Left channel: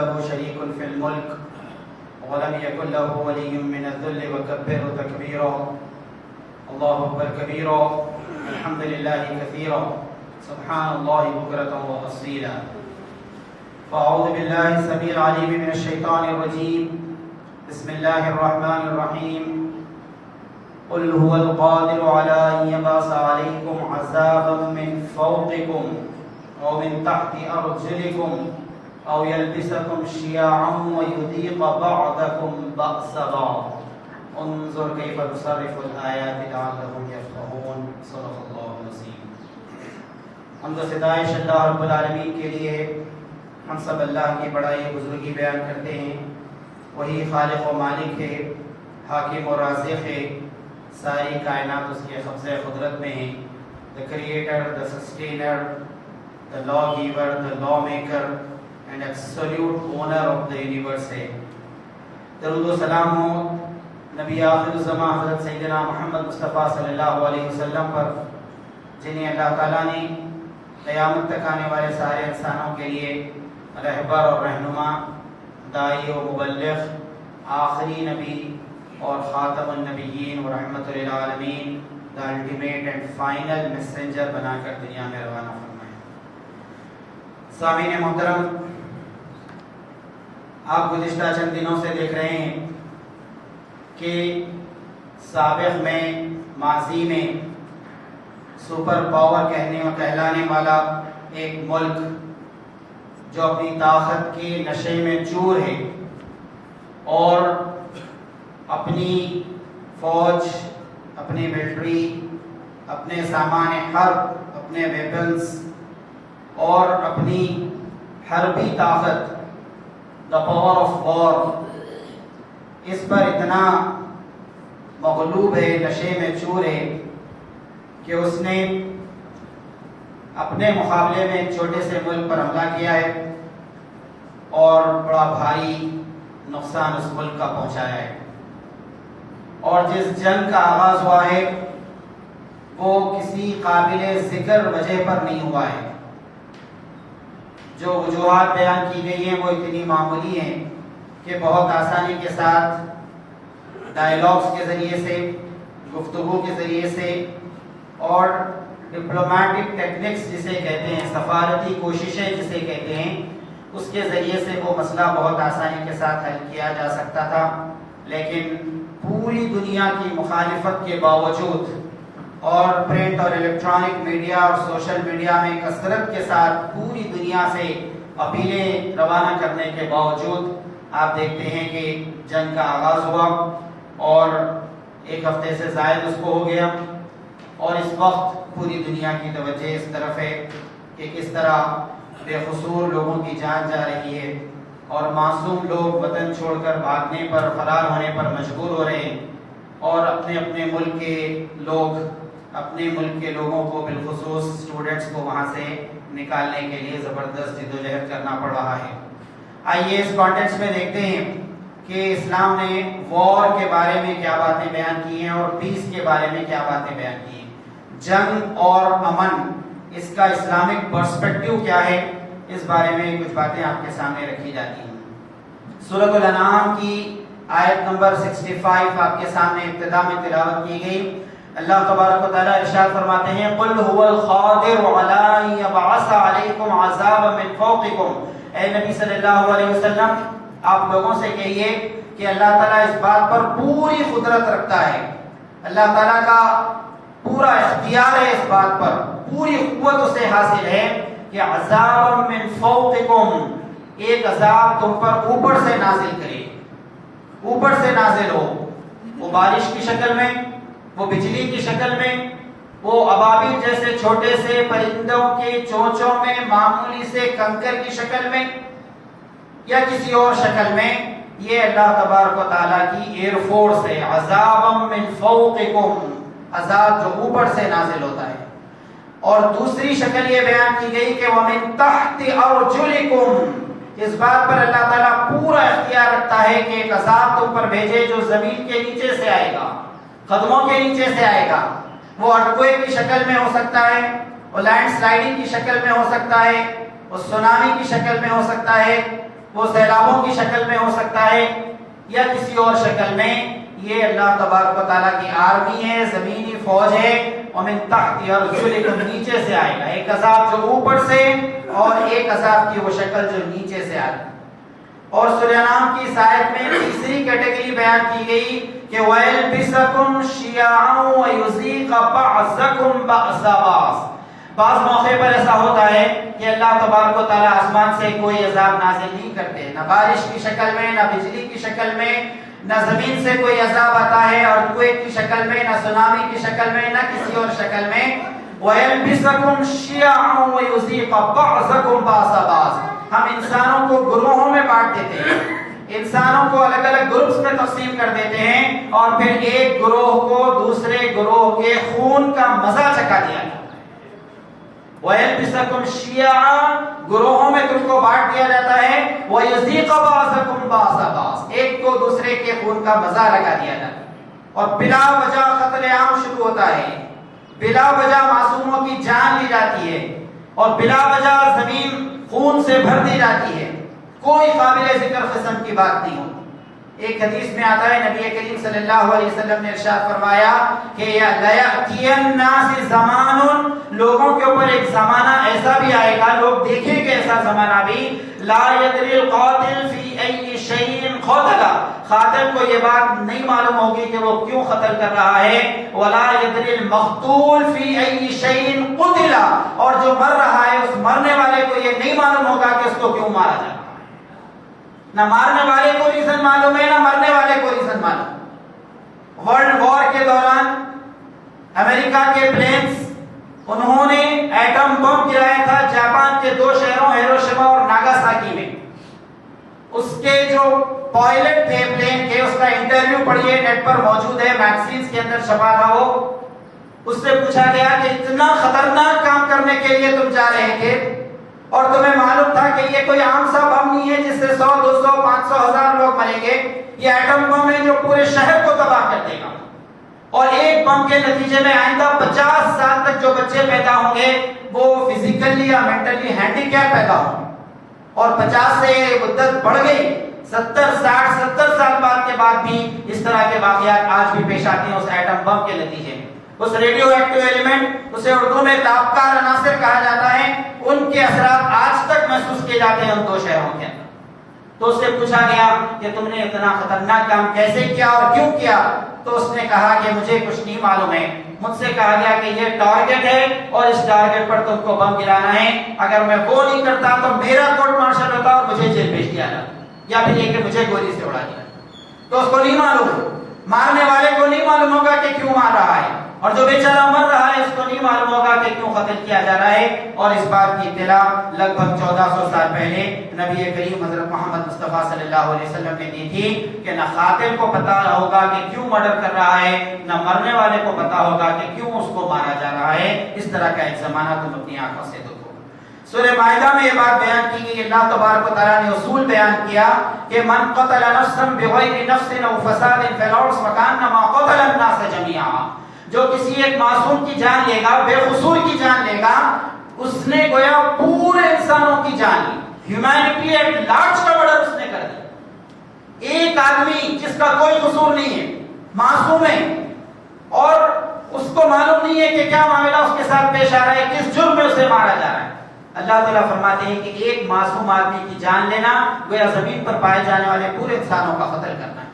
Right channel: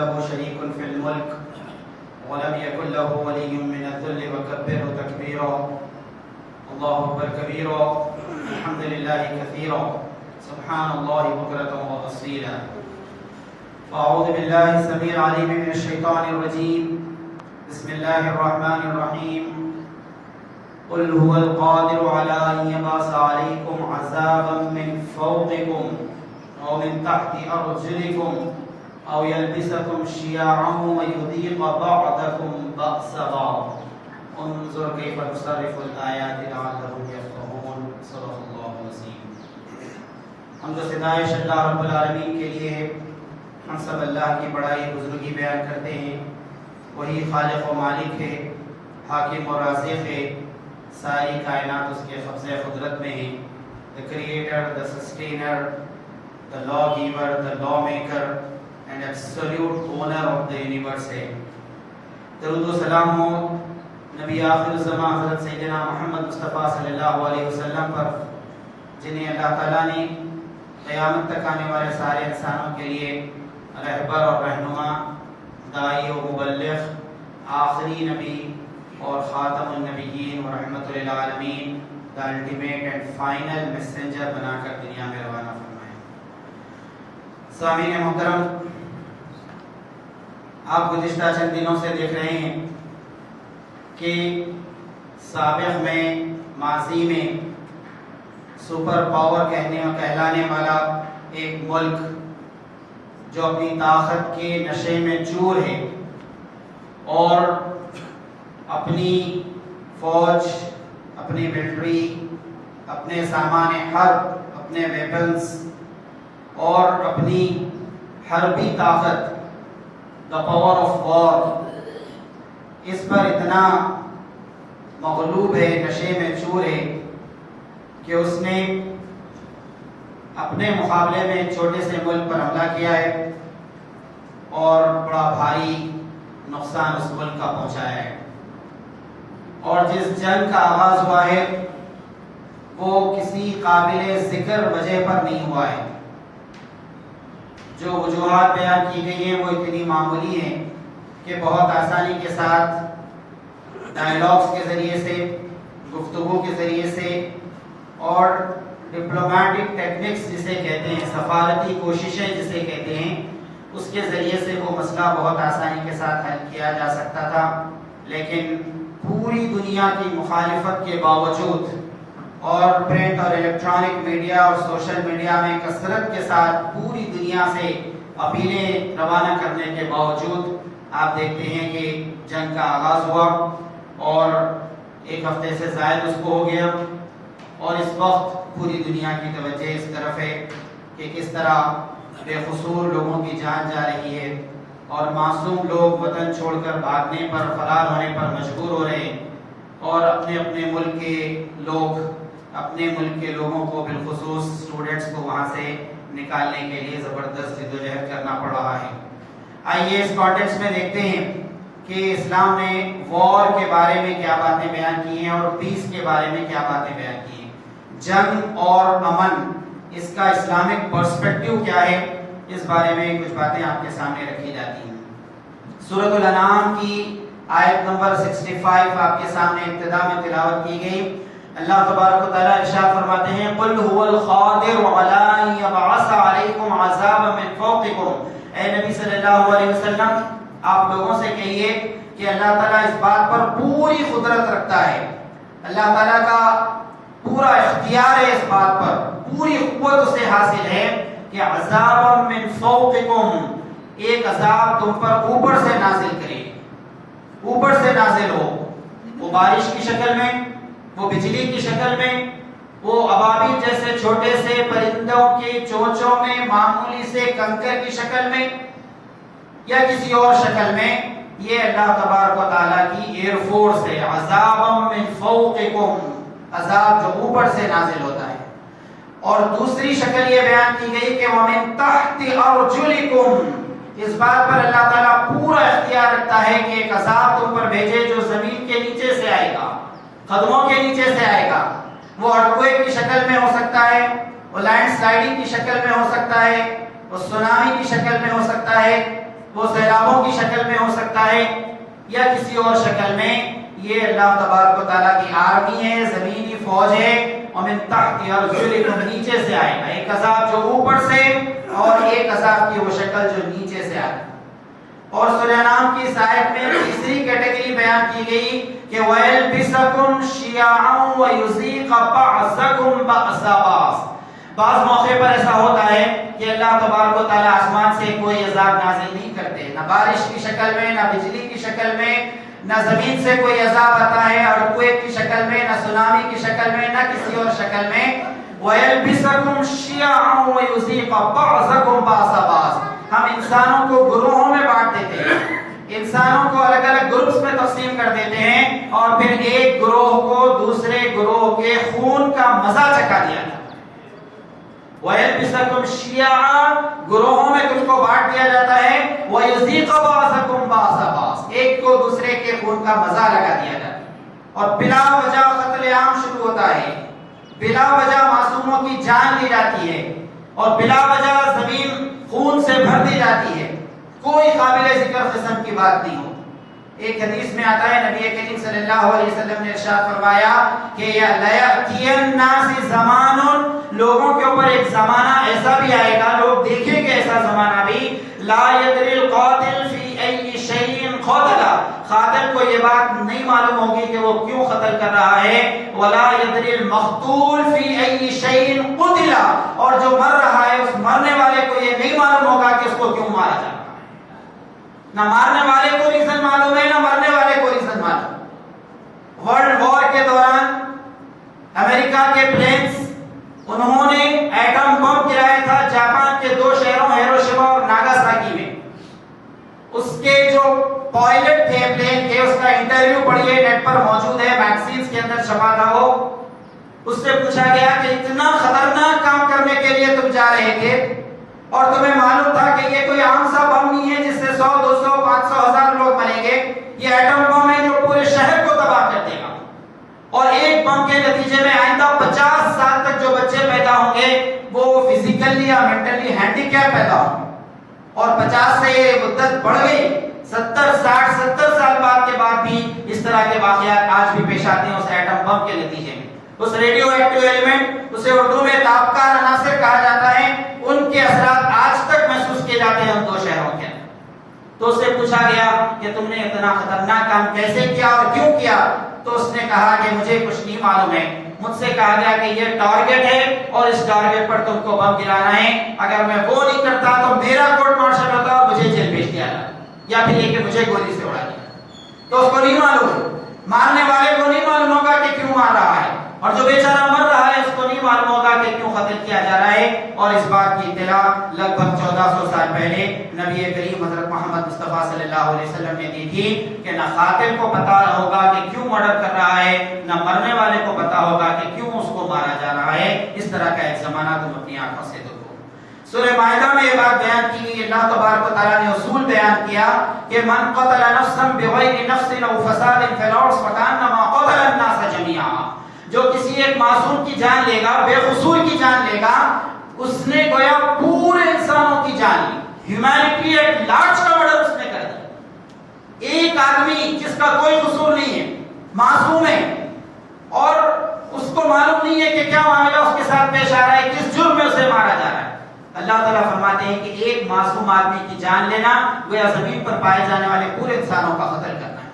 له شريك في الملك ولم يكن له ولي من الذل وكبره تكبيرا. الله أكبر كبيرا الحمد لله كثيرا سبحان الله بكرة وأصيلا. أعوذ بالله السميع العليم من الشيطان الرجيم. بسم الله الرحمن الرحيم. قل هو القادر على أن يبعث عليكم عذابا من فوقكم أو من تحت أرجلكم أو يلبسكم شيعا ويذيق بعضكم بأس بعض. انظر كيف نصرف الآيات لعلهم يفقهون. صدق الله العظيم. حمد و ستائش اللہ رب العالمین کے لیے. ہم سب اللہ کی بڑائی بزرگی بیان کرتے ہیں. وہی خالق و مالک ہے, حاکم و رازق ہے. ساری کائنات اس کے قبضہ قدرت میں ہیں. The creator, the sustainer, the lawgiver, the lawmaker and absolute owner of the universe ہے. درود و سلام ہو نبی آخر الزمان حضرت سیدنا محمد مصطفیٰ صلی اللہ علیہ وسلم پر, جنہیں اللہ تعالیٰ نے قیامت تک آنے والے سارے انسانوں کے لیے رہبر اور رہنما, داعی و مبلغ, آخری نبی اور خاتم النبیین و رحمت للعالمین, the ultimate and final messenger بنا کر دنیا میں روانہ فرمائے. سامعین محترم, آپ گزشتہ چند دنوں سے دیکھ رہے ہیں کہ سابق میں, ماضی میں سپر پاور کہلانے والا ایک ملک جو اپنی طاقت کے نشے میں چور ہے اور اپنی فوج, اپنی ملٹری, اپنے سامان حرب, اپنے ویپنز اور اپنی حربی طاقت, دا پاور آف وار, اس پر اتنا مغلوب ہے, نشے میں چور ہے کہ اس نے اپنے مقابلے میں ایک چھوٹے سے ملک پر حملہ کیا ہے اور بڑا بھاری نقصان اس ملک کا پہنچایا ہے. اور جس جنگ کا آغاز ہوا ہے وہ کسی قابل ذکر وجہ پر نہیں ہوا ہے. جو وجوہات بیان کی گئی ہیں وہ اتنی معمولی ہیں کہ بہت آسانی کے ساتھ ڈائیلاگز کے ذریعے سے, گفتگو کے ذریعے سے اور ڈپلومیٹک ٹیکنکس جسے کہتے ہیں, سفارتی کوششیں جسے کہتے ہیں, اس کے ذریعے سے وہ مسئلہ بہت آسانی کے ساتھ حل کیا جا سکتا تھا. لیکن پوری دنیا کی مخالفت کے باوجود اور پرنٹ اور الیکٹرانک میڈیا اور سوشل میڈیا میں کثرت کے ساتھ پوری دنیا سے اپیلیں روانہ کرنے کے باوجود آپ دیکھتے ہیں کہ جنگ کا آغاز ہوا اور ایک ہفتے سے زائد اس کو ہو گیا اور اس وقت پوری دنیا کی توجہ اس طرف ہے کہ کس طرح بے قصور لوگوں کی جان جا رہی ہے اور معصوم لوگ وطن چھوڑ کر بھاگنے پر, فرار ہونے پر مجبور ہو رہے ہیں اور اپنے اپنے ملک کے لوگ, اپنے ملک کے لوگوں کو بالخصوص اسٹوڈنٹس کو وہاں سے نکالنے کے لیے زبردست جدوجہد کرنا پڑ رہا ہے. آئیے اس کانٹیکسٹ میں دیکھتے ہیں کہ اسلام نے وار کے بارے میں کیا باتیں بیان کی ہیں اور پیس کے بارے میں کیا باتیں بیان کی ہیں. جنگ اور امن, اس کا اسلامک پرسپیکٹیو کیا ہے, اس بارے میں کچھ باتیں آپ کے سامنے رکھی جاتی ہیں. سورۃ الانعام کی آیت نمبر 65 آپ کے سامنے ابتدا میں تلاوت کی گئی. اللہ تبارک و تعالیٰ ارشاد فرماتے ہیں قل هو القادر علی ان یبعث علیکم عذابا من فوقکم. اے نبی صلی اللہ علیہ وسلم, آپ لوگوں سے کہیے کہ اللہ تعالیٰ اس بات پر پوری قدرت رکھتا ہے, اللہ تعالیٰ کا پورا اختیار ہے اس بات پر, پوری قوت اسے حاصل ہے کہ عذابا من فوقکم, ایک عذاب تم پر اوپر سے نازل کرے, اوپر سے نازل ہو, وہ بارش کی شکل میں, وہ بجلی کی شکل میں, وہ ابابیل جیسے چھوٹے سے پرندوں کے چونچوں میں, معمولی سے کنکر کی شکل میں یا کسی اور شکل میں. یہ اللہ تبارک و تعالیٰ کی ایئر فورس ہے. عذابا من فوقکم, عذاب جو اوپر سے نازل ہوتا ہے. اور دوسری شکل یہ بیان کی گئی کہ وَمِن تَحْتِ أَرْجُلِكُمْ, اس بات پر اللہ تعالیٰ پورا اختیار رکھتا ہے کہ ایک عذاب تم پر بھیجے جو زمین کے نیچے سے آئے گا, قدموں کے نیچے سے آئے گا. وہ ارتھکویک کی شکل میں ہو سکتا ہے, وہ لینڈ سلائڈنگ کی شکل میں ہو سکتا ہے, وہ سونامی کی شکل میں ہو سکتا ہے, وہ سیلابوں کی شکل میں ہو سکتا ہے یا کسی اور شکل میں. یہ اللہ تبارک و تعالیٰ کی آرمی ہے, زمینی فوج ہے. ومن تحت ارجلکم, نیچے سے آئے گا ایک عذاب جو اوپر سے, اور ایک عذاب کی وہ شکل جو نیچے سے آئے گا. اور سورہ انعام کی اس آیت میں تیسری کیٹیگری بیان کی گئی کہ وَيَلْبِسَكُمْ شِيَعًا وَيُذِيقَ بَعْضَكُمْ بَعْضَ بَعْضٍ. بعض موقع پر ایسا ہوتا ہے کہ اللہ تبارک و تعالیٰ آسمان سے کوئی عذاب نازل نہیں کرتے, نہ بارش کی شکل میں, نہ بجلی کی شکل میں, نہ زمین سے کوئی عذاب آتا ہے اور کوئے کی شکل میں, نہ سونامی کی شکل میں, نہ کسی اور شکل میں. وَيَلْبِسَكُمْ شِيَعًا وَيُذِيقَ بَعْضَكُمْ بَعْضَ بَعْضٍ. ہم انسانوں کو گروہوں میں بانٹ دیتے ہیں, انسانوں کو الگ الگ گروپس میں تقسیم کر دیتے ہیں, اور پھر ایک گروہ کو دوسرے گروہ کے خون کا مزہ چکھا دیا جاتا ہے. وَيَلْبِسَكُمْ شِيَعًا, گروہوں میں تم کو بانٹ دیا جاتا ہے. وَيُذِيقَ بَعْضَكُمْ بَعْضَ بَعْضٍ, ایک کو دوسرے کے خون کا مزہ لگا دیا جاتا ہے. اور بلا وجہ قتل عام شروع ہوتا ہے, بلا وجہ معصوموں کی جان لی جاتی ہے, اور بلا وجہ زمین خون سے بھر دی جاتی ہے. کوئی قابل ذکر قسم کی بات نہیں ہو. ایک حدیث میں آتا ہے نبی کریم صلی اللہ علیہ وسلم نے ارشاد فرمایا کہ لَيَأْتِيَ النَّاسِ زَمَانٌ, لوگوں کے اوپر ایک زمانہ ایسا بھی آئے گا, لوگ دیکھیں گے ایسا زمانہ بھی, لَا يَدْرِي الْقَاتِلُ فِي أَيِّ شَيْءٍ قَتَلَ, قاتل کو یہ بات نہیں معلوم ہوگی کہ وہ کیوں قتل کر رہا ہے. وَلَا يَدْرِي الْمَقْتُولُ فِي أَيِّ شَيْءٍ قُتِلَ, اور جو مر رہا ہے اس مرنے والے کو یہ نہیں معلوم ہوگا کہ اس کو کیوں مارا جائے. نہ مارنے والے کو ریزن معلوم ہے, نہ مرنے والے کو ریزن معلوم. ورلڈ وار کے دوران امریکہ کے پلینز, انہوں نے ایٹم بم گرایا تھا جاپان کے 2 شہروں ہیروشیما اور ناگاساکی میں. اس کے جو پائلٹ تھے پلین کے, اس کا انٹرویو پڑھیے, نیٹ پر موجود ہے, میگزینز کے اندر چھپا تھا وہ. اس سے پوچھا گیا کہ اتنا خطرناک کام کرنے کے لیے تم جا رہے تھے, اور تمہیں معلوم تھا کہ یہ کوئی عام سا بم نہیں ہے جس سے 100 200 500 1000 لوگ مریں گے, یہ ایٹم بم ہے جو پورے شہر کو تباہ کر دے گا, اور ایک بم کے نتیجے میں آئندہ 50 سال تک جو بچے پیدا ہوں گے وہ فزیکلی یا مینٹلی ہینڈی کیپ پیدا ہوں گے, اور 50 سے یہ مدت بڑھ گئی, 70 60 70 سال بعد کے بعد بھی اس طرح کے واقعات آج بھی پیش آتے ہیں اس ایٹم بم کے نتیجے میں. اس ریڈیو ایکٹیو ایلیمنٹ, اسے اردو میں تابکار عناصر کہا جاتا ہے, ان کے اثرات آج تک محسوس کیے جاتے ہیں ان 2 شہروں کے اندر. تو اس سے پوچھا گیا کہ تم نے اتنا خطرناک کام کیسے کیا اور کیوں کیا؟ تو اس نے کہا کہ مجھے کچھ نہیں معلوم ہے, مجھ سے کہا گیا کہ یہ ٹارگٹ ہے اور اس ٹارگٹ پر تم کو بم گرانا ہے, اگر میں وہ نہیں کرتا تو میرا کورٹ مارشل ہوتا اور مجھے جیل بھیج دیا جاتا, یا پھر یہ کہ مجھے گولی سے اڑا دیا. تو اس کو نہیں معلوم, مارنے والے کو نہیں معلوم ہوگا کہ کیوں مار رہا ہے, اور جو بیچارہ مر رہا ہے اس کو نہیں معلوم ہوگا کہ کیوں قتل کیا جا رہا ہے. اور اس بات کی اطلاع لگ بھگ 1400 سال پہلے نبی کریم حضرت محمد مصطفیٰ صلی اللہ علیہ وسلم نے دی تھی کہ نہ قاتل کو پتا ہوگا کہ کیوں مرڈر کر رہا ہے, نہ مرنے والے کو پتا ہوگا کہ کیوں اس کو مارا جا رہا ہے. اس طرح کا ایک زمانہ تم اپنی آنکھوں سے دیکھو. سورہ مائدہ میں یہ بات بیان کی گئی, اللہ تبارک و تعالیٰ نے اصول بیان کیا کہ من قتل نفسا بغیر نفس او فساد فی الارض فکانما قتل الناس جميعا, جو کسی ایک معصوم کی جان لے گا, بے قصور کی جان لے گا, اس نے گویا پورے انسانوں کی جان لی. ہیومینٹی ایٹ لارج کا مرڈر اس نے کر دیا. ایک آدمی جس کا کوئی قصور نہیں ہے, معصوم ہے, اور اس کو معلوم نہیں ہے کہ کیا معاملہ اس کے ساتھ پیش آ رہا ہے, کس جرم میں اسے مارا جا رہا ہے. اللہ تعالیٰ فرماتے ہیں کہ ایک معصوم آدمی کی جان لینا گویا زمین پر پائے جانے والے پورے انسانوں کا قتل کرنا ہے.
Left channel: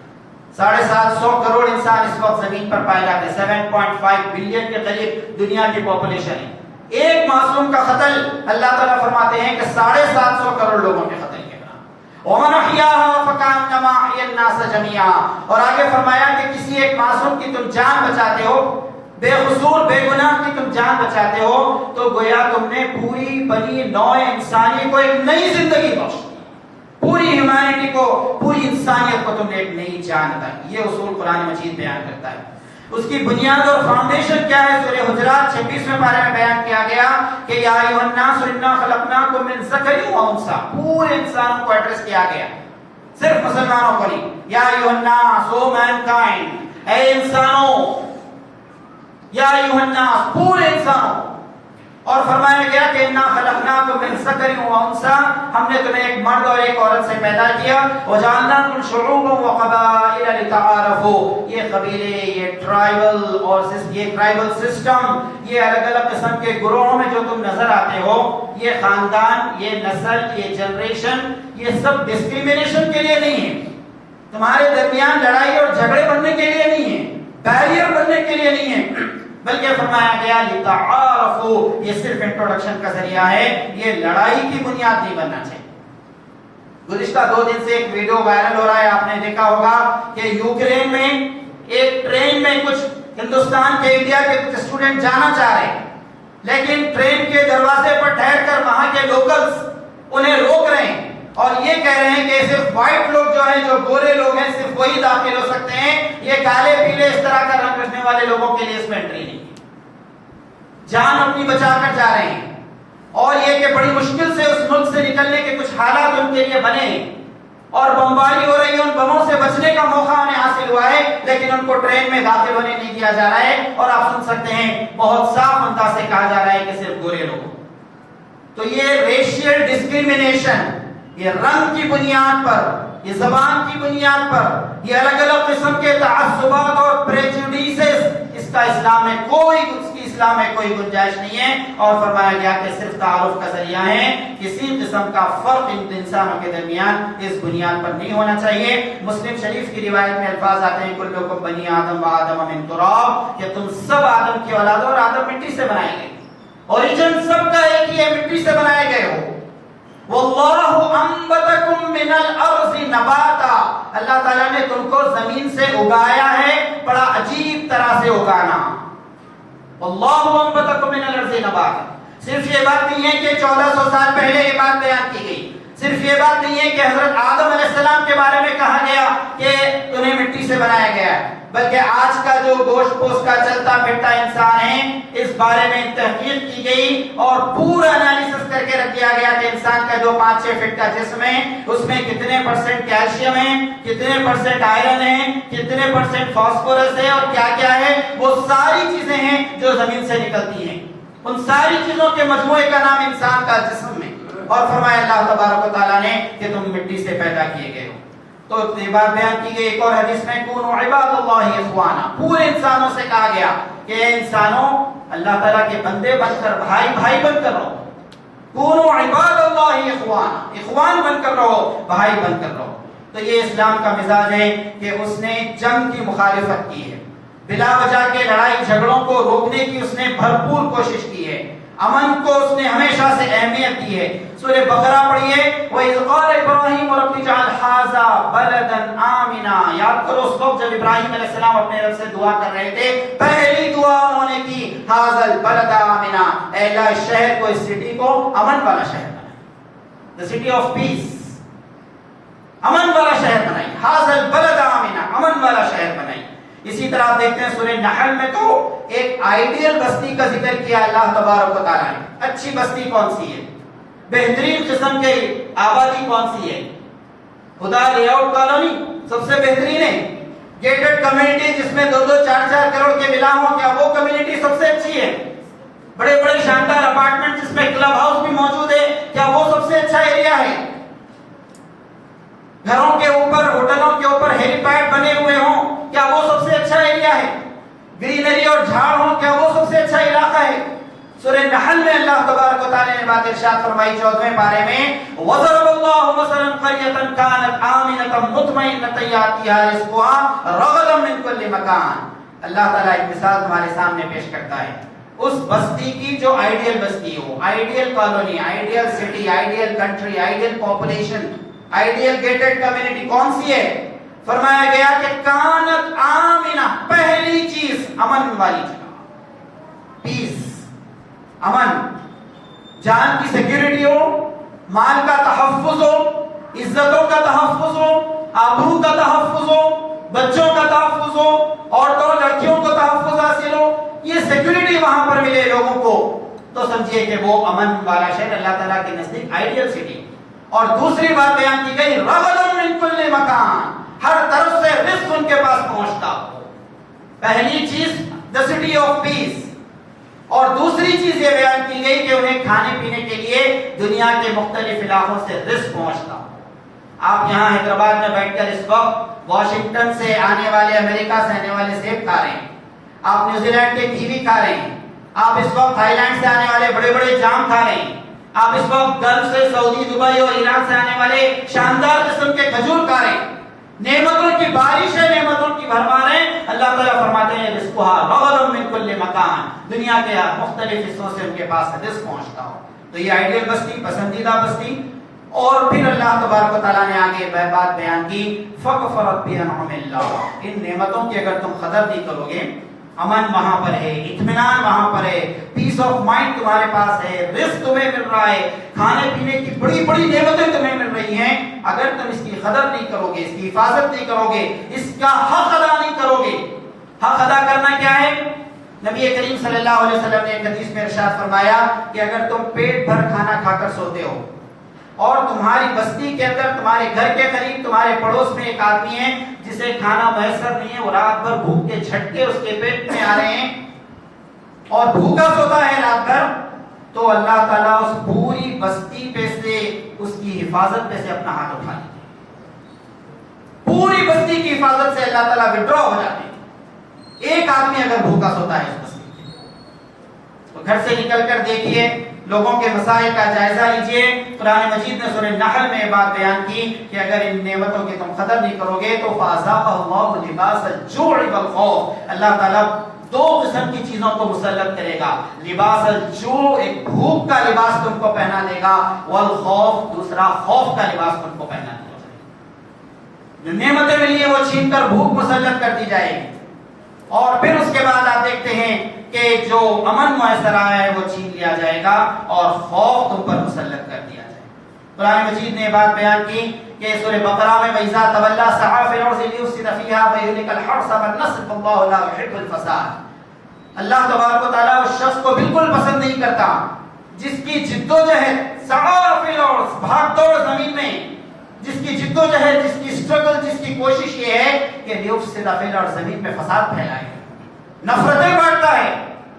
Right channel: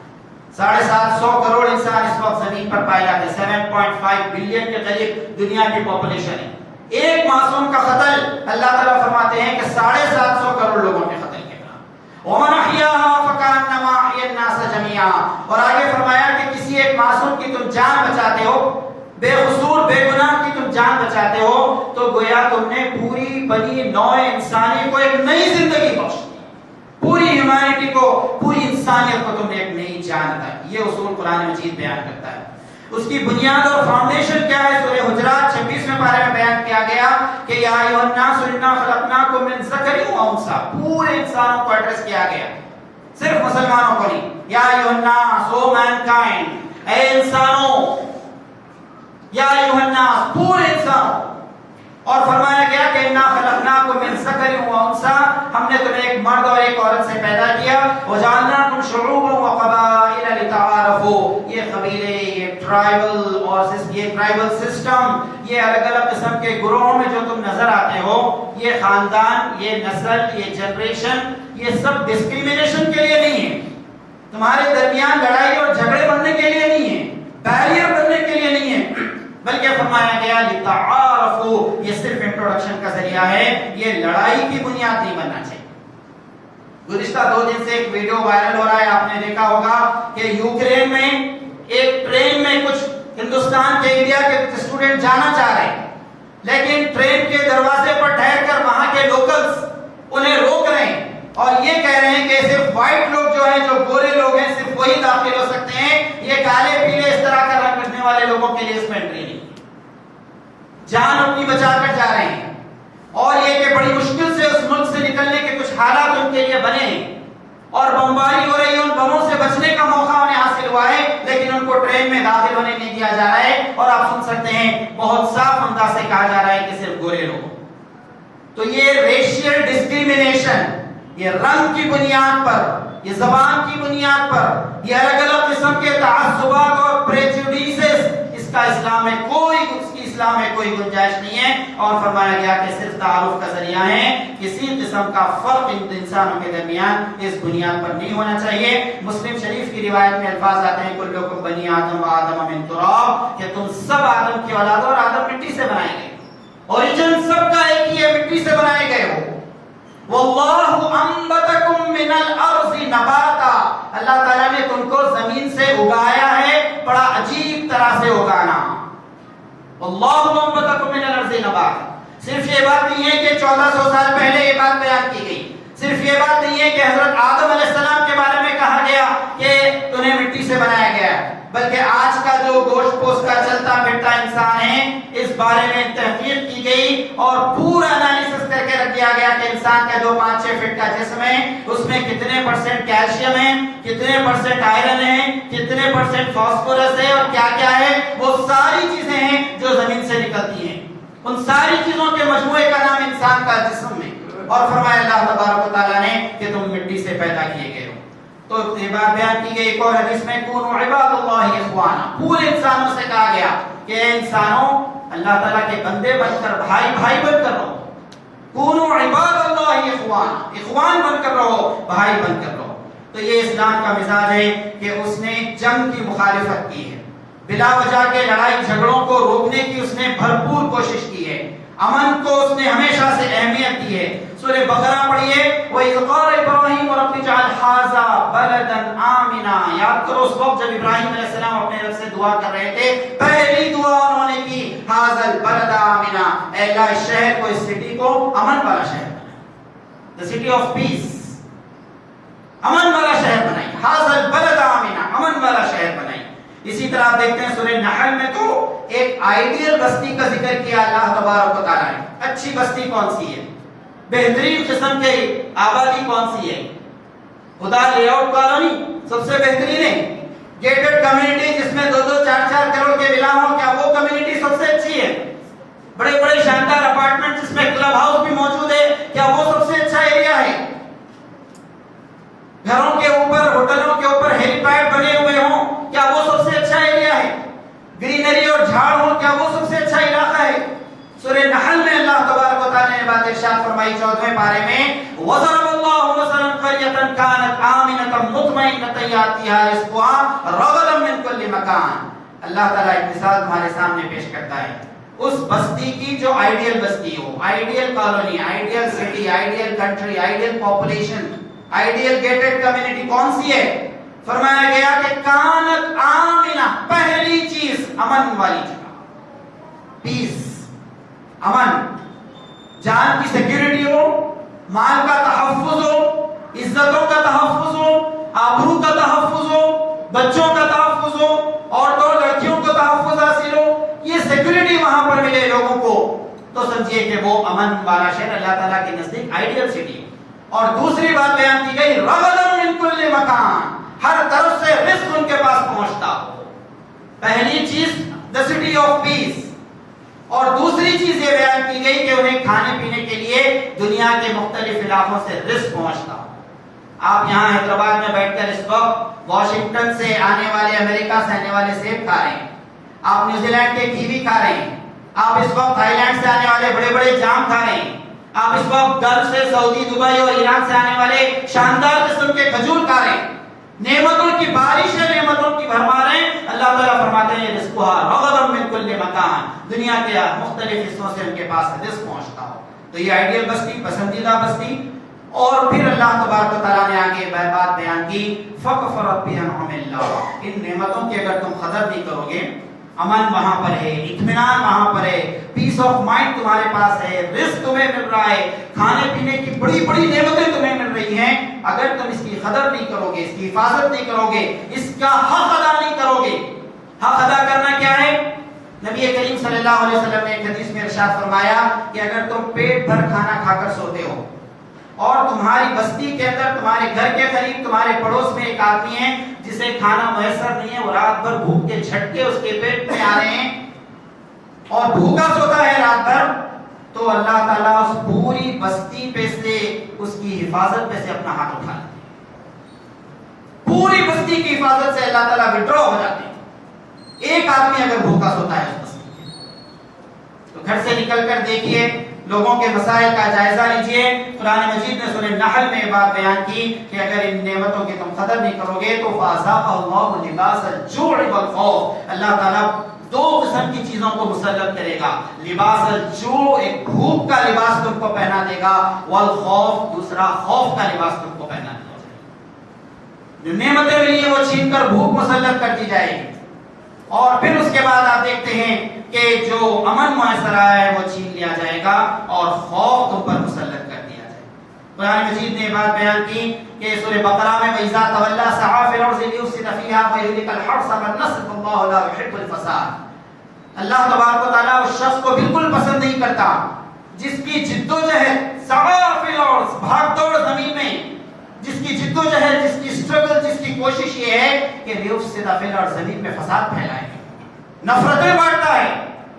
750 کروڑ انسان اس وقت زمین پر پائے جاتے ہیں, 7.5 بلین کے قریب دنیا کی پاپولیشن ہے. ایک معصوم کا قتل اللہ تعالیٰ فرماتے ہیں کہ 750 کروڑ لوگوں کے قتل کے برابر. وَمَنْ أَحْيَاهَا فَكَأَنَّمَا أَحْيَا النَّاسَ جَمِيعًا, اور آگے فرمایا کہ کسی ایک معصوم کی تم جان بچاتے ہو, بے قصور بے گناہ کی تم جان بچاتے ہو, تو گویا تم نے پوری بنی نوع انسانی کو ایک نئی زندگی بخش دی, پوری ہیومینٹی کو, پوری انسانیت کو تم نے ایک نئی جان دی. یہ اصول قرآن مجید بیان کرتا ہے. اس کی بنیاد اور فاؤنڈیشن کیا ہے؟ سورہ حجرات 26ویں پارے میں بیان کیا گیا کہ یا ایھا الناس انا خلقناکم من ذکر و انثی, پورے انسانوں کو ایڈریس کیا گیا, صرف مسلمانوں کو نہیں. یا ایھا الناس, او مینکائنڈ, اے انسانوں, یا ایھا الناس, پورے انسانوں. اور فرمایا گیا کہ انا خلقناکم من ذکر و انثی، ہم نے تمہیں ایک مرد اور ایک عورت سے پیدا کیا، وجعلناکم شعوبا وقبائل لتعارفوا، یہ قبیلے، یہ ٹرائبل اور یہ ٹرائبل سسٹم، یہ الگ الگ قسم کے گروہوں میں جو تم نظر آتے ہو، یہ خاندان، یہ نسل، یہ جنریشن، یہ سب ڈسکریمنیشن کے لیے نہیں ہے، تمہارے درمیان لڑائی اور جھگڑے بننے کے لیے نہیں ہے، بیریئر بننے کے لیے نہیں ہے، بلکہ فرمایا گیا لتعارفوا، یہ صرف انٹروڈکشن کا ذریعہ ہے، یہ لڑائی کی بنیاد نہیں بننا چاہیے۔ گزشتہ 2 دن سے ایک ویڈیو وائرل ہو رہا ہے، آپ نے دیکھا ہوگا کہ یوکرین میں ایک ٹرین میں کچھ ہندوستان کے، انڈیا کے اسٹوڈنٹ جانا چاہ رہے ہیں، لیکن ٹرین کے دروازے پر ٹھہر کر وہاں کے لوکلز انہیں روک رہے ہیں اور یہ کہہ رہے ہیں کہ صرف وائٹ لوگ جو ہیں، جو گورے لوگ ہیں، صرف وہی داخل ہو سکتے ہیں، یہ کالے پیلے اس طرح کا رنگ رکھنے والے لوگوں کے لیے اس میں انٹری نہیں۔ جان اپنی بچا کر جا رہے ہیں، اور یہ کہ بڑی مشکل سے اس ملک سے نکلنے کے کچھ حالات ان کے لیے بنے ہیں اور بمباری ہو رہی ہے، ان بموں سے بچنے کا موقع انہیں حاصل ہوا ہے، لیکن ان کو ٹرین میں داخل ہونے نہیں دیا جا رہا ہے، اور آپ سن سکتے ہیں بہت صاف انداز سے کہا جا رہا ہے کہ صرف گورے لوگ۔ تو یہ ریشیل ڈسکریمنیشن، یہ رنگ کی بنیاد پر، یہ زبان کی بنیاد پر، یہ الگ الگ قسم کے تعصبات اور پریجوڈیسز، اس کا اسلام میں کوئی گنجائش نہیں ہے، اور فرمایا گیا کہ صرف تعارف کا ذریعہ ہے، کسی قسم کا فرق ان انسانوں کے درمیان اس بنیاد پر نہیں ہونا چاہیے۔ مسلم شریف کی روایت میں الفاظ آتے ہیں کلکم بنی آدم و آدم من تراب، کہ تم سب آدم کی اولاد ہو اور آدم مٹی سے بنائے گئے، اوریجن سب کا ایک ہی ہے، مٹی سے بنائے گئے ہو۔ واللہ انبتکم من الارض نباتا، اللہ تعالیٰ نے تم کو زمین سے اگایا ہے، بڑا عجیب طرح سے اگانا۔ واللہ انبتکم من الارض نباتا، صرف یہ بات نہیں ہے کہ 1400 سال پہلے یہ بات بیان کی گئی، صرف یہ بات نہیں ہے کہ حضرت آدم علیہ السلام کے بارے میں کہا گیا کہ انہیں مٹی سے بنایا گیا، بلکہ آج کا جو گوشت پوش کا چلتا پھرتا انسان ہے، اس بارے میں تحقیق کی گئی اور پورا انالیسس کر کے رکھ دیا گیا کہ انسان کا جو 5-6 فٹ کا جسم ہے، اس میں کتنے % کیلشیم ہے، کتنے % آئرن ہے، کتنے % فاسفورس ہے، اور کیا کیا ہے، وہ ساری چیزیں ہیں جو زمین سے نکلتی ہیں، ان ساری چیزوں کے مجموعے کا نام انسان کا جسم ہے، اور فرمایا اللہ تبارک و تعالیٰ نے کہ تم مٹی سے پیدا کیے گئے ہو۔ تو یہ بات بیان کی گئی ایک اور حدیث میں، کونوا عباد اللہ اخوانا، پورے انسانوں سے کہا گیا کہ انسانوں اللہ تعالیٰ کے بندے بن کر، بھائی بھائی بن کر رہو، کونوا عباد اللہ اخوانا، اخوان بن کر رہو، بھائی بن کر رہو۔ تو یہ اسلام کا مزاج ہے کہ اس نے جنگ کی مخالفت کی ہے، بلا وجہ کے لڑائی جھگڑوں کو روکنے کی اس نے بھرپور کوشش کی ہے، امن کو اس نے ہمیشہ سے اہمیت دی ہے۔ سورہ بقرہ پڑھیے، وَإِذْ قَالَ إِبْرَاهِيمُ رَبِّ اجْعَلْ هَٰذَا بَلَدًا آمِنًا، یاد کرو اس وقت جب ابراہیم علیہ السلام اپنے رب سے دعا کر رہے تھے، پہلی دعا انہوں نے کی هَٰذَا الْبَلَدَ آمِنًا، اے اللہ اس شہر کو، اس سٹی کو امن والا شہر بنائیں، the city of peace، امن والا شہر بنائیں، هَٰذَا الْبَلَدَ آمِنًا، امن والا شہر بنائیں۔ اسی طرح آپ دیکھتے ہیں سورہ نحل میں تو ایک آئیڈیل بستی کا ذکر کیا اللہ تبارک و تعالیٰ نے۔ اچھی بستی کون سی ہے، بہترین قسم کی آبادی کون سی ہے؟ خدا لے آؤٹ کالونی سب سے بہترین ہے، گیٹڈ کمیونٹی جس میں 2-2 4-4 کروڑ کے ولا ہوں، کیا وہ کمیونٹی سب سے اچھی ہے؟ بڑے بڑے شاندار اپارٹمنٹ جس میں کلب ہاؤس بھی موجود ہے، کیا وہ سب سے اچھا ایریا ہے؟ گھروں کے اوپر، ہوٹلوں کے اوپر ہیلی پیڈ بنے ہوئے ہوں، کیا وہ سب سے اچھا ایریا ہے؟ گرینری اور جھاڑ ہو، کیا وہ سب سے اچھا علاقہ ہے؟ سورہ نحل میں اللہ تبارک و تعالی نے بات ارشاد فرمائی 14ویں پارے میں، وَضَرَبَ اللَّهُ مَثَلًا قَرْيَةً كَانَتْ آمِنَةً مُطْمَئِنَّةً يَأْتِيهَا رِزْقُهَا رَغَدًا مِنْ كُلِّ مَكَانٍ۔ اللہ تعالیٰ ایک مثال تمہارے سامنے پیش کرتا ہے اس بستی کی جو آئیڈیل بستی ہو، ideal colony, ideal city, ideal country, ideal population, ideal gated community کون سی ہے؟ فرمایا گیا کہ کانت آمنہ، پہلی چیز امن والی جگہ، پیس، امن، جان کی سیکیورٹی ہو، مال کا تحفظ ہو، عزتوں کا تحفظ ہو، آبرو کا تحفظ ہو، بچوں کا تحفظ ہو، عورتوں اور لڑکیوں کو تحفظ حاصل ہو، یہ سیکیورٹی وہاں پر ملے لوگوں کو، تو سمجھیے کہ وہ امن والا شہر اللہ تعالیٰ کے نزدیک آئیڈیل سٹی۔ اور دوسری بات بیان کی گئی، رغدًا من کل مکان، ہر طرف سے رزق ان کے پاس پہنچتا ہو۔ پہلی چیز the city of peace، اور دوسری چیز یہ بیان کی گئی کہ انہیں کھانے پینے کے لیے دنیا کے مختلف علاقوں سے رزق پہنچتا. آپ یہاں حیدرآباد میں بیٹھ کر اس وقت واشنگٹن سے آنے والے، امریکہ سے آنے والے سیب کھا رہے ہیں، آپ نیوزی لینڈ کے کیوی کھا رہے ہیں، آپ اس وقت تھائی لینڈ سے آنے والے بڑے بڑے جام کھا رہے ہیں، آپ اس وقت گلف سے، سعودی، دبئی اور ایران سے آنے والے شاندار قسم کے کھجور کھا رہے ہیں. نعمتوں کی بارش ہے، نعمتوں کی بھرمار ہے. اللہ تعالیٰ فرماتے ہیں رزقها رغدا من کل مکان، دنیا کے مختلف حصوں سے ان کے پاس رزق پہنچتا ہو. تو یہ آئیڈیل بستی، پسندیدہ بستی. اور پھر اللہ تبارک و تعالیٰ نے آگے بات بیان کی فَكَفَرَتْ بِأَنْعُمِ اللَّهِ، ان نعمتوں کی اگر تم قدر نہیں کرو گے، امن وہاں پر ہے، اطمینان وہاں پر ہے، پیس آف مائنڈ تمہارے پاس ہے، رزق تمہیں مل رہا ہے، کھانے پینے کی بڑی بڑی نعمتیں تمہیں مل رہی ہیں، اگر تم اس کی قدر نہیں کرو گے، اس کی حفاظت نہیں کرو گے، اس کا حق ادا نہیں کرو گے. حق ادا کرنا کیا ہے؟ نبی کریم صلی اللہ علیہ وسلم نے ایک حدیث میں ارشاد فرمایا کہ اگر تم پیٹ بھر کھانا کھا کر سوتے ہو اور تمہاری بستی کے اندر، تمہارے گھر کے قریب، تمہارے پڑوس میں ایک آدمی ہے جسے کھانا میسر نہیں ہے، وہ رات بھر بھوک کے جھٹکے اس کے پیٹ میں آ رہے ہیں اور بھوکا سوتا ہے رات بھر، تو اللہ تعالیٰ اس پوری بستی پہ سے، اس کی حفاظت پہ سے اپنا ہاتھ اٹھا لیتے ہیں. پوری بستی کی حفاظت سے اللہ تعالیٰ وڈرا ہو جاتے ہیں. ایک آدمی اگر بھوکا سوتا ہے اس بستی میں، تو گھر سے نکل کر دیکھیے، لوگوں کے مسائل کا جائزہ لیجئے. قرآن مجید نے سورہ نحل میں بات بیان کی کہ اگر ان نعمتوں کی تم قدر نہیں کرو گے تو فَأَذَاقَهُ اللَّهُ لِبَاسَ الْجُوعِ وَالْخَوْفِ، اللہ تعالیٰ دو قسم کی چیزوں کو مسلط کرے گا. لباس الجوع، ایک بھوک کا لباس تم کو پہنا دے گا، والخوف، دوسرا خوف کا لباس تم کو پہنا دے گا. جو نعمتیں ملی ہیں وہ چھین کر بھوک مسلط کر دی جائے گی. اور پھر اس کے بعد آپ دیکھتے ہیں کہ جو امن میسر آیا ہے وہ چھین لیا جائے گا اور خوف تم پر مسلط کر دیا جائے گا. قرآن مجید نے بات بیان کی کہ سورہ بقرہ میں وَإِذَا تَوَلَّى سَعَىٰ فِي الْأَرْضِ لِيُفْسِدَ فِيهَا وَيُهْلِكَ الْحَرْثَ وَالنَّسْلَ وَاللَّهُ لَا يُحِبُّ الْفَسَادَ. اللہ تبارک و تعالیٰ اس شخص کو بالکل پسند نہیں کرتا جس کی جدوجہد، سعیٰ فی الارض، بھاگ دوڑ زمین میں، جس کی جدوجہد، جس کی اسٹرگل، جس کی کوشش یہ ہے کہ لیفسد فی الارض، زمین میں فساد پھیلائے، نفرتیں بانٹتا ہے،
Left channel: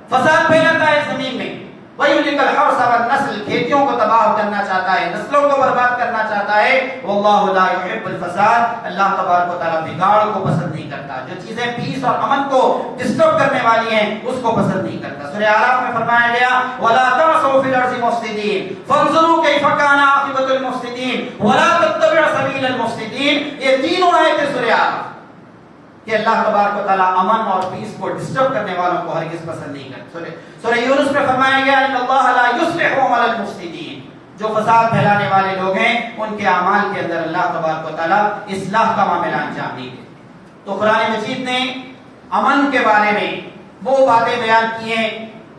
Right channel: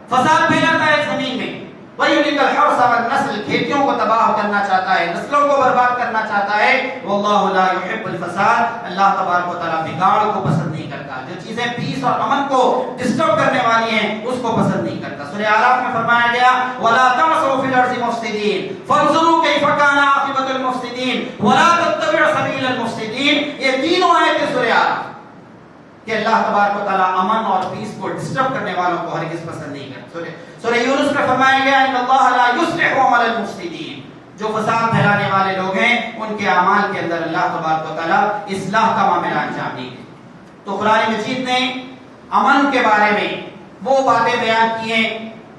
فساد پھیلاتا ہے زمین میں. وَيُهْلِكَ الْحَرْثَ وَالنَّسْلَ، کھیتیوں کو تباہ کرنا چاہتا ہے، نسلوں کو برباد کرنا چاہتا ہے. وَاللَّهُ لَا يُحِبُّ الْفَسَادَ، اللہ تبارک و تعالیٰ بگاڑ کو پسند نہیں کرتا. جو چیزیں پیس اور امن کو ڈسٹرب کرنے والی ہیں اس کو پسند نہیں کرتا. سورہ اعراف میں فرمایا گیا وَلَا تَعْثَوْا فِي الْأَرْضِ مُفْسِدِينَ فَانظُرُوا كَيْفَ كَانَ عَاقِبَةُ الْمُفْسِدِينَ وَلَا تَتَّبِعْ سَبِيلَ الْمُفْسِدِينَ. یہ تینوں آیتیں سورہ اعراف کہ اللہ تبارک و تعالیٰ امن اور پیس کو ڈسٹرب کرنے والوں کو ہرگز پسند نہیں کرتا. سورہ یونس میں فرمایا گیا ان اللہ لا یصلح عمل المفسدین، جو فساد پھیلانے والے لوگ ہیں ان کے اعمال کے اندر اللہ تبارک و تعالیٰ اصلاح کا معاملہ انجام نہیں دے. تو قرآن مجید نے امن کے بارے میں وہ باتیں بیان کی ہیں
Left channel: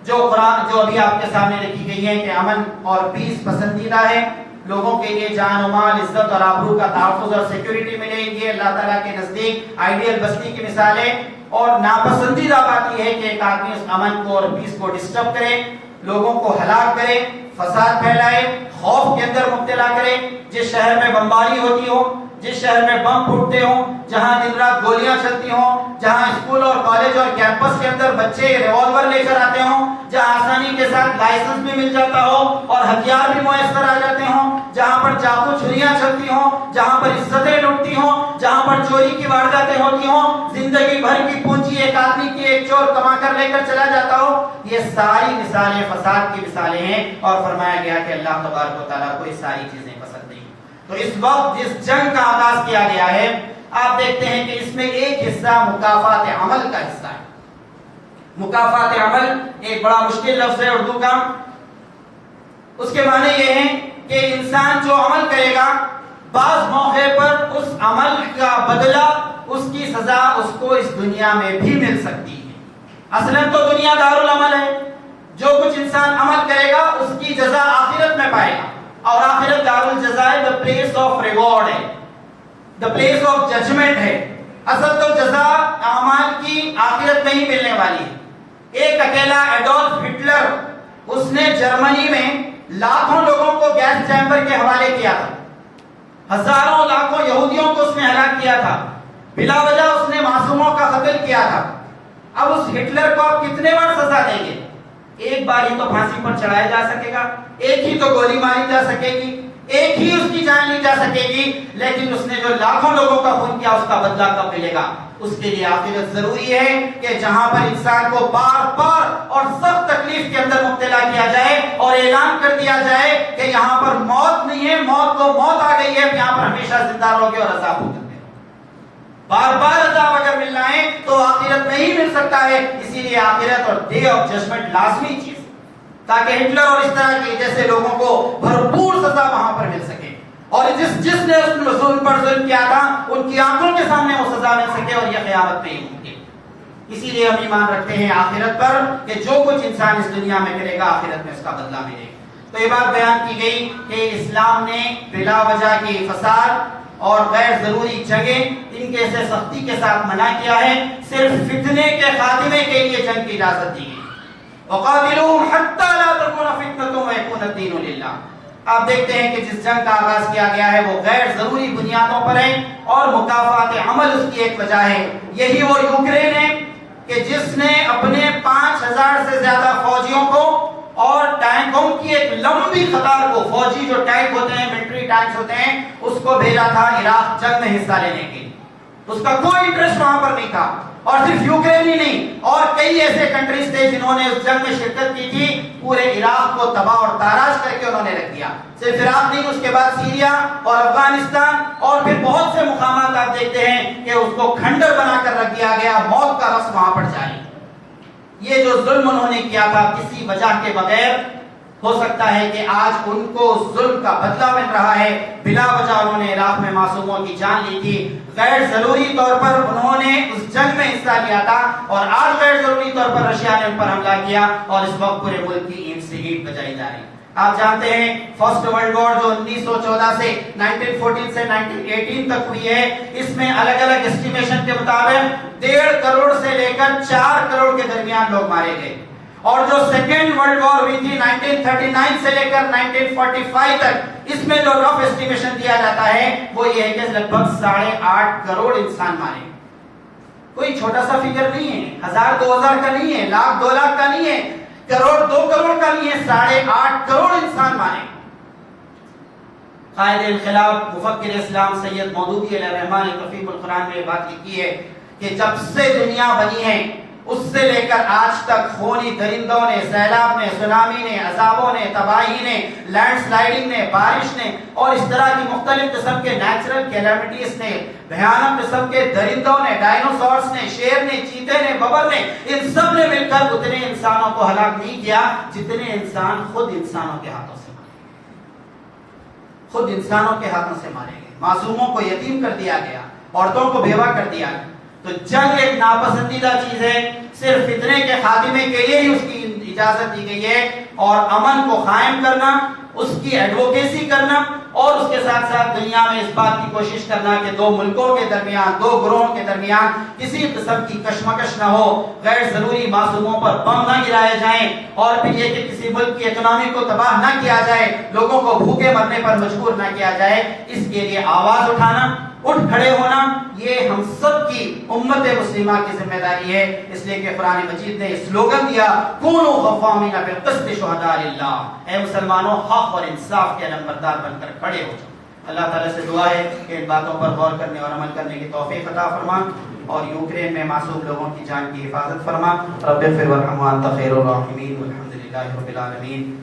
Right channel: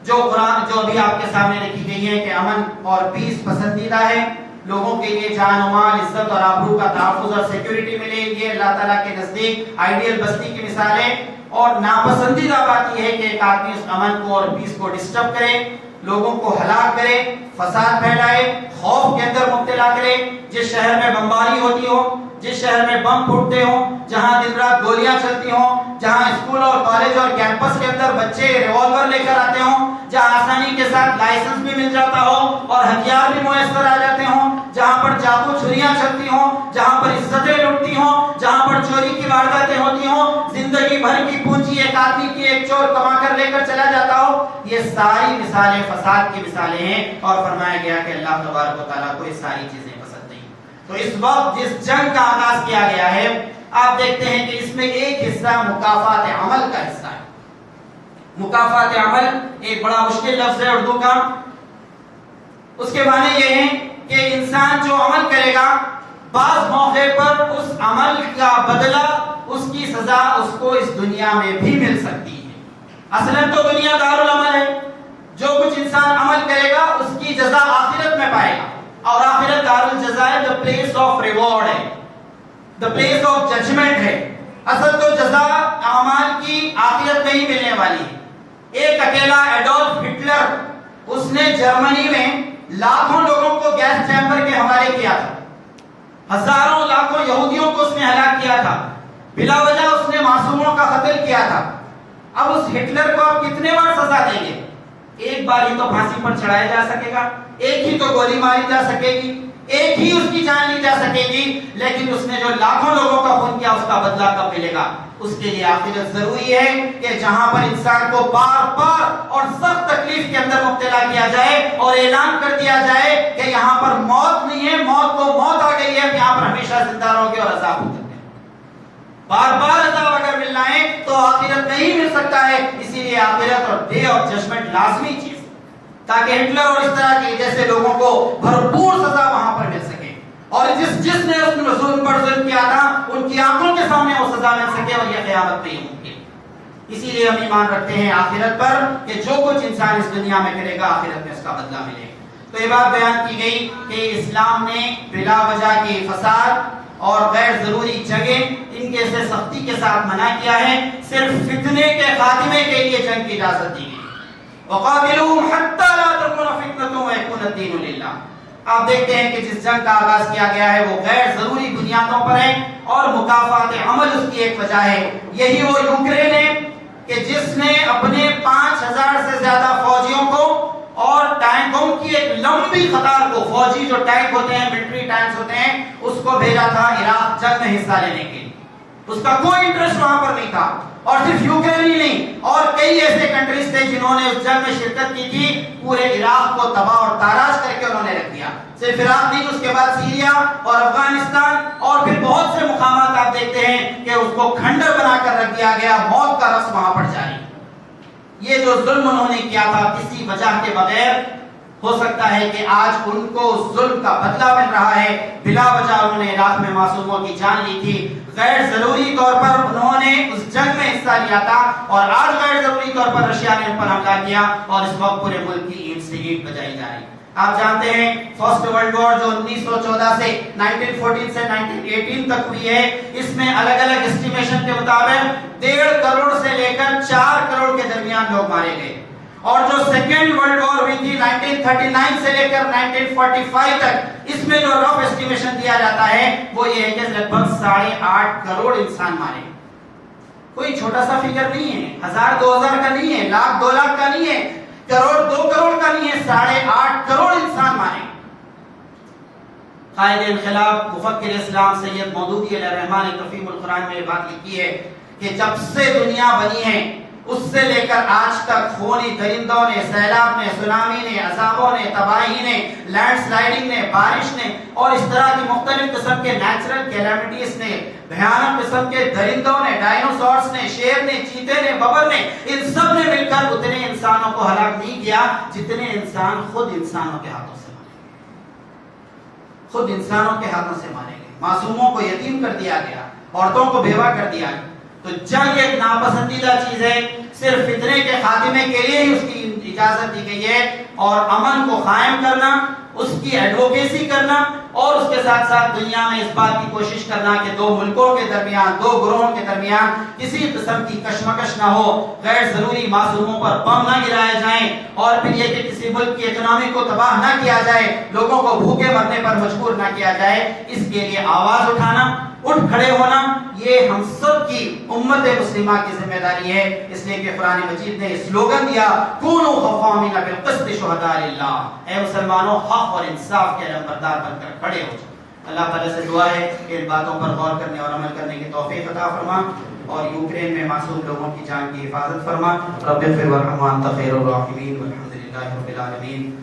جو ابھی آپ کے سامنے رکھی گئی ہیں کہ امن اور پیس پسندیدہ ہے. لوگوں کے لیے جان و مال، عزت اور آبرو کا تحفظ اور سیکیورٹی ملے، یہ اللہ تعالیٰ کے نزدیک آئیڈیل بستی کی مثالیں. اور ناپسندیدہ بات یہ ہے کہ ایک آدمی اس امن کو اور پیس کو ڈسٹرب کرے، لوگوں کو ہلاک کرے، فساد پھیلائے، خوف کے اندر مبتلا کرے. جس شہر میں بمباری ہوتی ہو، جس شہر میں بم پھوٹتے ہوں، جہاں دن رات گولیاں چلتی ہوں، جہاں اسکول اور کالج اور کیمپس کے اندر بچے ریوالور لے کر آتے ہوں، جہاں آسانی کے ساتھ لائسنس بھی مل جاتا ہو اور ہتھیار بھی میسر آ جاتے ہوں، جہاں پر چاقو چھریاں چلتی ہوں، جہاں پر عزتیں لٹتی ہوں، جہاں پر چوری کی وارداتیں ہوتی ہوں، زندگی بھر کی پونجی ایک آدمی کی ایک چور کما کر لے کر چلا جاتا ہو، یہ ساری مثالیں فساد کی مثالیں ہیں. اور فرمایا گیا کہ اللہ تبارک و تعالیٰ کو یہ ساری چیزیں پسند نہیں. تو اس وقت جس جنگ کا آغاز کیا گیا ہے، آپ دیکھتے ہیں کہ اس میں ایک حصہ مکافات عمل کا حصہ ہے. مکافات عمل ایک بڑا مشکل لفظ ہے اردو کا. اس کے معنی یہ ہے کہ انسان جو عمل کرے گا بعض موقع پر اس عمل کا بدلہ، اس کی سزا اس کو اس دنیا میں بھی مل سکتی ہے. اصلاً تو دنیا دارالعمل ہے، جو کچھ انسان عمل کرے گا اس کی جزا آخرت میں پائے گا، اور آخرت دارالجزا ہے، the place of reward ہے، the place of judgment ہے. اصل تو جزا اعمال کی آخرت میں ہی ملنے والی ہے. ایک اکیلا ایڈولف ہٹلر، اس نے جرمنی میں لاکھوں لوگوں کو گیس چیمبر کے حوالے کیا تھا، ہزاروں لاکھوں یہودیوں کو اس نے ہلاک کیا تھا، بلا وجہ اس نے معصوموں کا قتل کیا تھا. اب اس ہٹلر کو آپ کتنے بار سزا دیں گے؟ ایک بار ہی تو پھانسی پر چڑھایا جا سکے گا، ایک ہی تو گولی ماری جا سکے گی، ایک ہی اس کی جان لی جا سکے گی، لیکن اس نے جو لاکھوں لوگوں کا خون کیا اس کا بدلہ کب ملے گا؟ اس کے لیے آخرت ضروری ہے کہ جہاں پر انسان کو بار بار اور سخت تکلیف کے اندر مبتلا کیا جائے اور اعلان کر دیا جائے کہ یہاں پر موت نہیں ہے، موت تو موت آ گئی ہے، یہاں پر ہمیشہ زندہ رہو گے اور عذاب ہوگا۔ بار بار عذاب اگر ملنا ہے تو آخرت میں ہی مل سکتا ہے، اسی لیے آخرت اور ڈے آف ججمنٹ لازمی چیز، تاکہ ہٹلر اور اس طرح کے جیسے لوگوں کو بھرپور سزا وہاں پر مل سکے، اور جس نے اس ظلم پر ظلم کیا تھا ان کی آنکھوں کے سامنے وہ سزا مل سکے، اور یہ قیامت میں ہی ممکن۔ اسی لیے ہم ایمان رکھتے ہیں آخرت پر کہ جو کچھ انسان اس دنیا میں کرے گا آخرت میں اس کا بدلہ ملے۔ تو یہ بات بیان کی گئی کہ اسلام نے بلا وجہ کے فساد اور غیر ضروری جنگیں ان کے سے سختی کے ساتھ منع کیا ہے، صرف فتنے کے خاتمے کے لیے جنگ کی اجازت دی ہے۔ وَقَاتِلُوهُمْ حَتَّى لَا تَكُونَ فِتْنَةٌ وَيَكُونَ الدِّينُ لِلَّهِ۔ آپ دیکھتے ہیں کہ جس جنگ کا آغاز کیا گیا ہے وہ غیر ضروری بنیادوں پر ہے، اور مکافات عمل اس کی ایک وجہ ہے۔ یہی وہ یوکرین ہے کہ جس نے اپنے 5000 سے زیادہ فوجیوں کو اور ٹینکوں کی ایک لمبی قطار کو، فوجی جو ٹینک ہوتے ہیں، ملٹری ٹینکس ہوتے ہیں، اس کو بھیجا تھا عراق جنگ میں حصہ لینے کے لیے۔ اس کا کوئی انٹرسٹ وہاں پر نہیں تھا، اور صرف یوکرین ہی نہیں، اور کئی ایسے کنٹریز تھے جنہوں نے اس جنگ میں شرکت کی تھی، پورے عراق کو تباہ اور تاراج کر کے انہوں نے رکھ دیا۔ صرف عراق نہیں، اس کے بعد سیریا اور افغانستان اور پھر بہت سے مقامات آپ دیکھتے ہیں کہ اس کو کھنڈر بنا کر رکھ دیا گیا، موت کا رقص وہاں پر جاری۔ یہ جو ظلم انہوں نے کیا تھا کسی وجہ کے بغیر، ہو سکتا ہے کہ آج ان کو ظلم کا بدلہ مل رہا ہے۔ بلا وجہ انہوں نے عراق میں معصوموں کی جان لی تھی، غیر ضروری طور پر انہوں نے اس جنگ میں حصہ لیا تھا، اور آج غیر ضروری طور پر رشیا نے ان پر حملہ کیا، اور اس وقت پورے ملک کی اینٹ سے اینٹ بجائی جا رہی۔ آپ جانتے ہیں فرسٹ ورلڈ وار جو 1914 سے 1914 سے 1918 تک ہوئی ہے، اس میں الگ الگ اسٹیمیشن کے مطابق 1.5 کروڑ سے لے کر 4 کروڑ کے درمیان لوگ مارے گئے، اور جو سیکنڈ ورلڈ وار ہوئی تھی 1939 سے لے کر 1945 تک، اس میں جو رف اسٹیمیشن دیا جاتا ہے وہ یہ ہے کہ لگ بھگ 8.5 کروڑ انسان مارے۔ کوئی چھوٹا سا فگر نہیں ہے، 1000 2000 کا نہیں ہے، لاکھ 2 لاکھ کا نہیں ہے، کروڑ 2 کروڑ کا نہیں ہے، 8.5 کروڑ انسان مارے۔ قائد انقلاب مفکر اسلام سید مودودی علیہ الرحمٰن نے تفہیم القرآن میں یہ بات لکھی ہے کہ جب سے دنیا بنی ہے اس سے لے کر آج تک خونی درندوں نے، سیلاب نے، سونامی نے، عذابوں نے، تباہی نے، لینڈ سلائڈنگ نے، بارش نے، اور اس طرح کی مختلف قسم کے نیچرل کیلامٹیز نے، بھیانک قسم کے درندوں نے، ڈائنوسورس نے، شیر نے، چیتے نے، ببر نے، ان سب نے مل کر اتنے انسانوں کو ہلاک نہیں کیا جتنے انسان خود انسانوں کے ہاتھوں سے مارے گئے، خود انسانوں کے ہاتھوں سے مارے گئے۔ معصوموں کو یتیم کر دیا گیا، عورتوں کو بیوہ کر دیا گیا۔ تو جنگ ایک ناپسندیدہ چیز ہے، صرف فتنے کے خاتمے کے لیے ہی اس کی اجازت دی گئی ہے، اور امن کو قائم کرنا، اس کی ایڈوکیسی کرنا، اور اس کے ساتھ ساتھ دنیا میں اس بات کی کوشش کرنا کہ دو ملکوں کے درمیان، دو گروہوں کے درمیان کسی قسم کی کشمکش نہ ہو، غیر ضروری معصوموں پر بم نہ گرائے جائیں، اور پھر یہ کہ کسی ملک کی اکنامی کو تباہ نہ کیا جائے، لوگوں کو بھوکے مرنے پر مجبور نہ کیا جائے۔ اس کے لیے آواز اٹھانا، اٹھ کھڑے ہونا، یہ ہم سب کی امت مسلمہ کی ذمہ داری ہے۔ اس لیے کہ قرآن مجید نے سلوگن دیا، کونوا قوامین بالقسط شہداء للہ، اے مسلمانوں حق اور انصاف کے نمبردار بن کر کھڑے ہو جائیں۔ اللہ تعالیٰ سے دعا ہے کہ ان باتوں پر غور کرنے اور عمل کرنے کی توفیق عطا فرما، اور یوکرین میں معصوم لوگوں کی جان کی حفاظت فرما۔ رب اغفر وارحم وانت خیر الراحمین، والحمد للہ رب العالمین۔